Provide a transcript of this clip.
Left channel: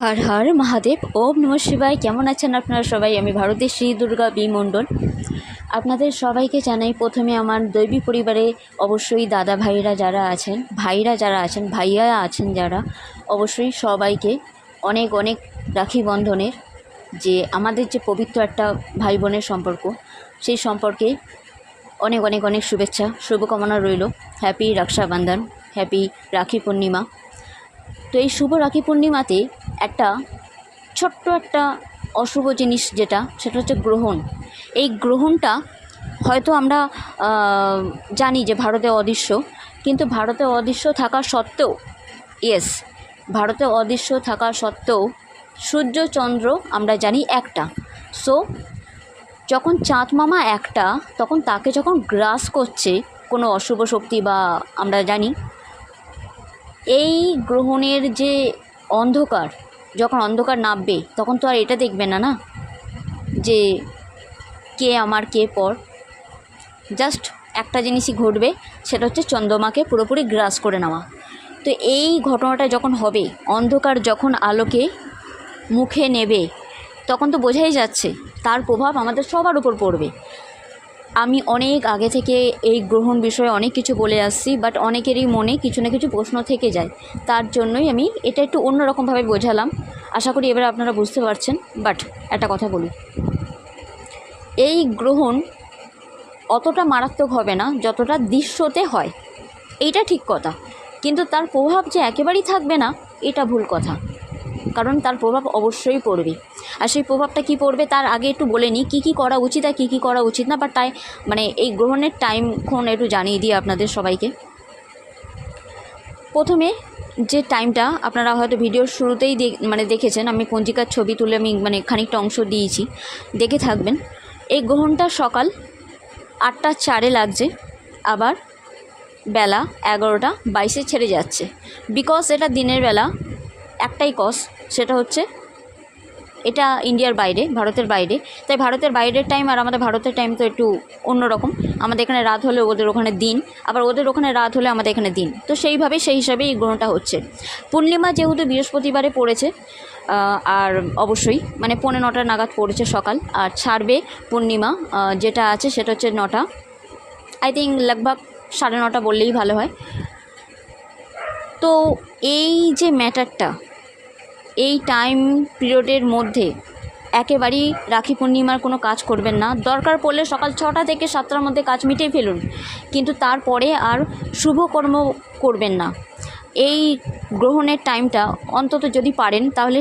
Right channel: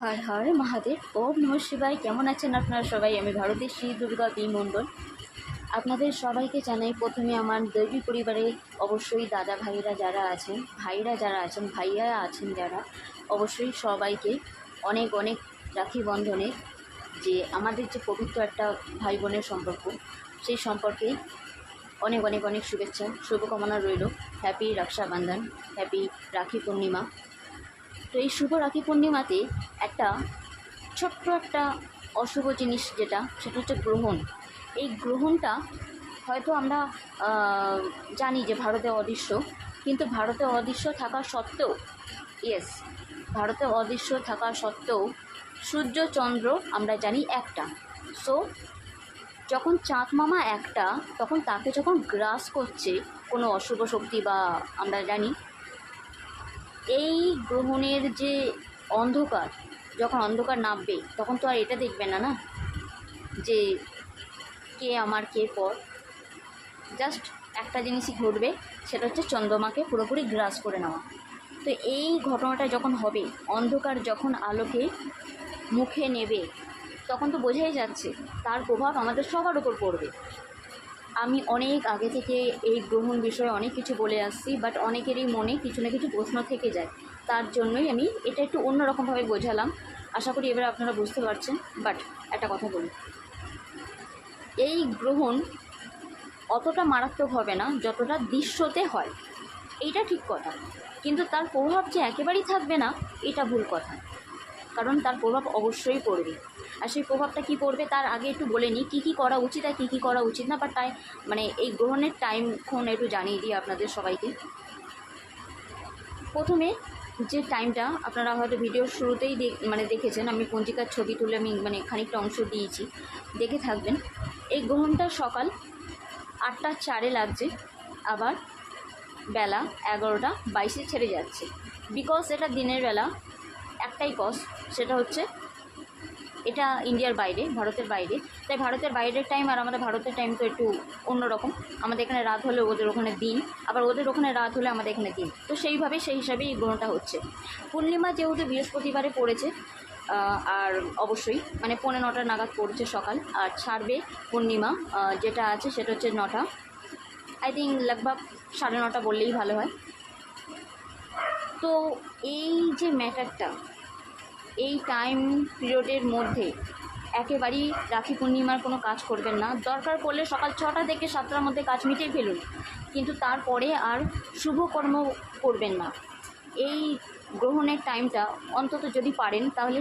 হর হর মহাদেব, ওম নমঃ শিবায়। কেমন আছেন আপনারা সবাই? আমি ভারতের শ্রী দুর্গা বি মণ্ডল। আপনাদের সবাইকে জানাই প্রথমে আমার দৈবী পরিবারে অবশ্যই দাদা ভাইরা যারা আছেন, ভাইয়া আছেন যারা, অবশ্যই সবাইকে অনেক অনেক রাখি বন্ধনের যে আমাদের যে পবিত্র একটা ভাই বোনের সম্পর্ক, সেই সম্পর্কে অনেক অনেক অনেক শুভেচ্ছা, শুভকামনা রইল। Happy Rakshabandhan, happy Rakhi Purnima. তো এই শুভ রাখি পূর্ণিমাতে ছোট্ট একটা অশুভ জিনিস সেটা হচ্ছে গ্রহণ। এই গ্রহণটা হয়তো আমরা জানি যে ভারতে অদৃশ্য, কিন্তু ভারতে অদৃশ্য থাকা সত্ত্বেও ভারতে অদৃশ্য থাকা সত্ত্বেও সূর্য চন্দ্র আমরা জানি একটা। সো যখন চাঁদ মামা একটা, তখন তাকে যখন গ্রাস করছে কোনো অশুভ শক্তি, বা আমরা জানি এই গ্রহণের যে অন্ধকার, যখন অন্ধকার নামবে তখন তো আর এটা দেখবে না না যে কে আমার কে পর। জাস্ট একটা জিনিসই ঘটবে, সেটা হচ্ছে চন্দ্রমাকে পুরোপুরি গ্রাস করে নেওয়া। তো এই ঘটনাটা যখন হবে, অন্ধকার যখন আলোকে মুখে নেবে, তখন তো বোঝাই যাচ্ছে তার প্রভাব আমাদের সবার উপর পড়বে। আমি অনেক আগে থেকে এই গ্রহণ বিষয়ে অনেক কিছু বলে আসছি, বাট অনেকেরই মনে কিছু না কিছু প্রশ্ন থেকে যায়। তার জন্যই আমি এটা একটু অন্যরকমভাবে বোঝালাম। আশা করি এবার আপনারা বুঝতে পারছেন। বাট একটা কথা বলি, এই গ্রহণ অতটা মারাত্মক হবে না যতটা দৃশ্যতে হয়, এইটা ঠিক কথা। কিন্তু তার প্রভাব যে একেবারেই থাকবে না, এটা ভুল কথা, কারণ তার প্রভাব অবশ্যই পড়বে। আর সেই প্রভাবটা কী পড়বে তার আগে একটু বলে নিই কী কী করা উচিত আর কী কী করা উচিত না। বা তাই এই গ্রহণের টাইমক্ষণ একটু জানিয়ে দিই আপনাদের সবাইকে। প্রথমে যে টাইমটা আপনারা হয়তো ভিডিওর শুরুতেই দেখেছেন, আমি পঞ্জিকার ছবি তুলে আমি খানিকটা অংশ দিয়েছি, দেখে থাকবেন। এই গ্রহণটা সকাল 8:04 লাগছে, আবার বেলা 11:22 ছেড়ে যাচ্ছে। বিকজ এটা দিনের বেলা, একটাই কজ, সেটা হচ্ছে এটা ইন্ডিয়ার বাইরে, ভারতের বাইরে। তাই ভারতের বাইরের টাইম আর আমাদের ভারতের টাইম তো একটু অন্যরকম। আমাদের এখানে রাত হলে ওদের ওখানে দিন, আবার ওদের ওখানে রাত হলে আমাদের এখানে দিন। তো সেই হিসাবেই এই গ্রহণটা হচ্ছে। পূর্ণিমা যেহেতু বৃহস্পতিবারে পড়েছে, আর অবশ্যই 9:45 নাগাদ পড়েছে সকাল, আর ছাড়বে পূর্ণিমা যেটা আছে সেটা হচ্ছে 9টা, আই থিঙ্ক লগভগ 9:30 বললেই ভালো হয়। তো এই যে ম্যাটারটা, এই টাইম পিরিয়ডের মধ্যে একেবারেই রাখি পূর্ণিমার কোনো কাজ করবেন না। দরকার পড়লে সকাল 6টা থেকে 7টার মধ্যে কাজ মিটিয়ে ফেলুন, কিন্তু তারপরে আর শুভকর্ম করবেন না। এই গ্রহণের টাইমটা অন্তত যদি পারেন তাহলে